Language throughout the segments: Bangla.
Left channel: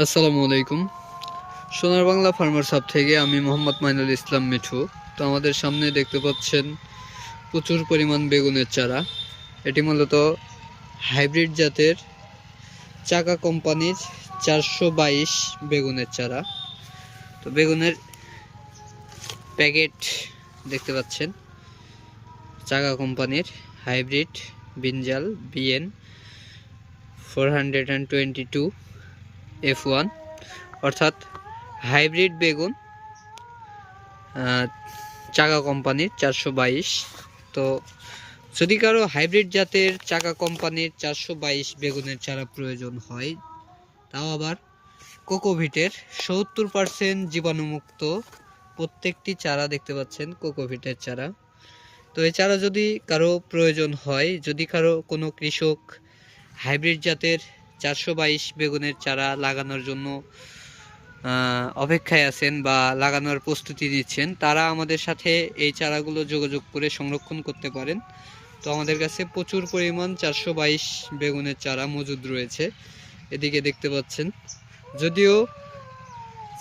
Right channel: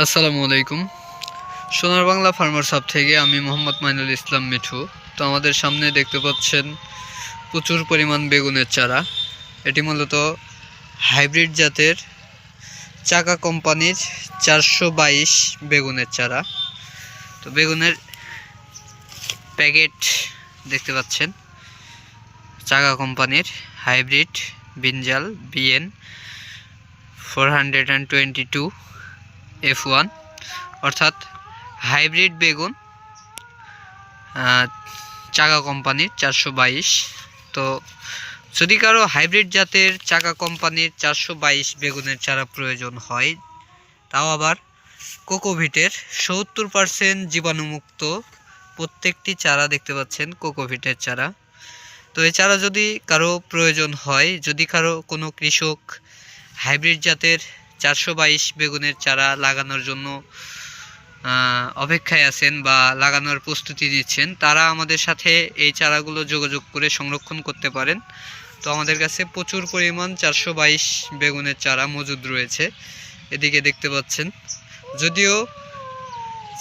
আসসালামু আলাইকুম। সোনার বাংলা ফার্মার সাব থেকে আমি মোহাম্মদ মাইনুল ইসলাম মিঠু। তো আমাদের সামনে দেখতে পাচ্ছেন প্রচুর পরিমাণ বেগুনের চারা। এটি মূলত হাইব্রিড জাতের চাকা কোম্পানির চারশো বাইশ বেগুনের চারা। তো বেগুনের প্যাকেট দেখতে পাচ্ছেন। চাকা কোম্পানির hybrid, brinjal, BN, four hundred and twenty two. F one অর্থাৎ হাইব্রিড বেগুন চাকা কোম্পানির চারশো বাইশ। তো যদি কারও হাইব্রিড জাতের চাকা কোম্পানির চারশো বাইশ বেগুনের চারা প্রয়োজন হয়, তাও আবার কোকোভিটের সত্তর পার্সেন্ট জীবাণুমুক্ত প্রত্যেকটি চারা দেখতে পাচ্ছেন, কোকোভিটের চারা। তো এই চারা যদি কারও প্রয়োজন হয়, যদি কারও কোনো কৃষক হাইব্রিড জাতের চারশো বাইশ বেগুনের চারা লাগানোর জন্য অপেক্ষায় আছেন বা লাগানোর প্রস্তুতি নিচ্ছেন। তারা আমাদের সাথে এই চারাগুলো যোগাযোগ করে সংরক্ষণ করতে পারেন। তো আমাদের কাছে প্রচুর পরিমাণ চারশো বাইশ বেগুনের চারা মজুদ রয়েছে। এদিকে দেখতে পাচ্ছেন, যদিও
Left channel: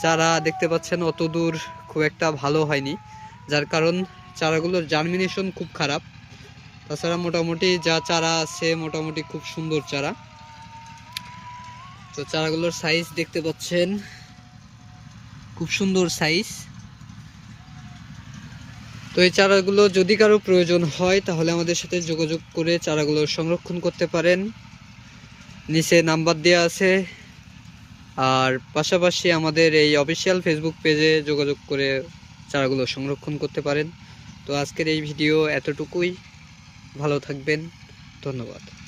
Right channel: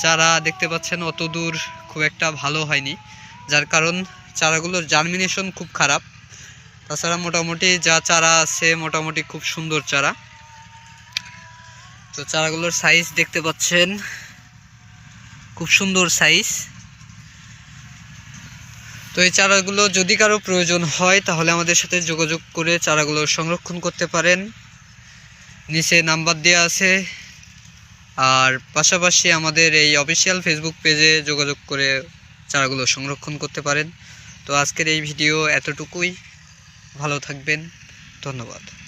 চারা দেখতে পাচ্ছেন অত দূর খুব একটা ভালো হয়নি, যার কারণ চারাগুলোর জার্মিনেশন খুব খারাপ। তাছাড়া মোটামুটি যা চারা আছে মোটামুটি খুব সুন্দর চারা। তো চারাগুলোর সাইজ দেখতে পাচ্ছেন। খুব সুন্দর সাইজ তো এই চারাগুলো যদি কারও প্রয়োজন হয়, তাহলে আমাদের সাথে যোগাযোগ করে চারাগুলো সংরক্ষণ করতে পারেন। নিচে নাম্বার দেওয়া আছে। আর পাশাপাশি আমাদের এই অফিসিয়াল ফেসবুক পেজে যোগাযোগ করে চারাগুলো সংরক্ষণ করতে পারেন। তো আজকের এই ভিডিও এতটুকুই। ভালো থাকবেন। ধন্যবাদ।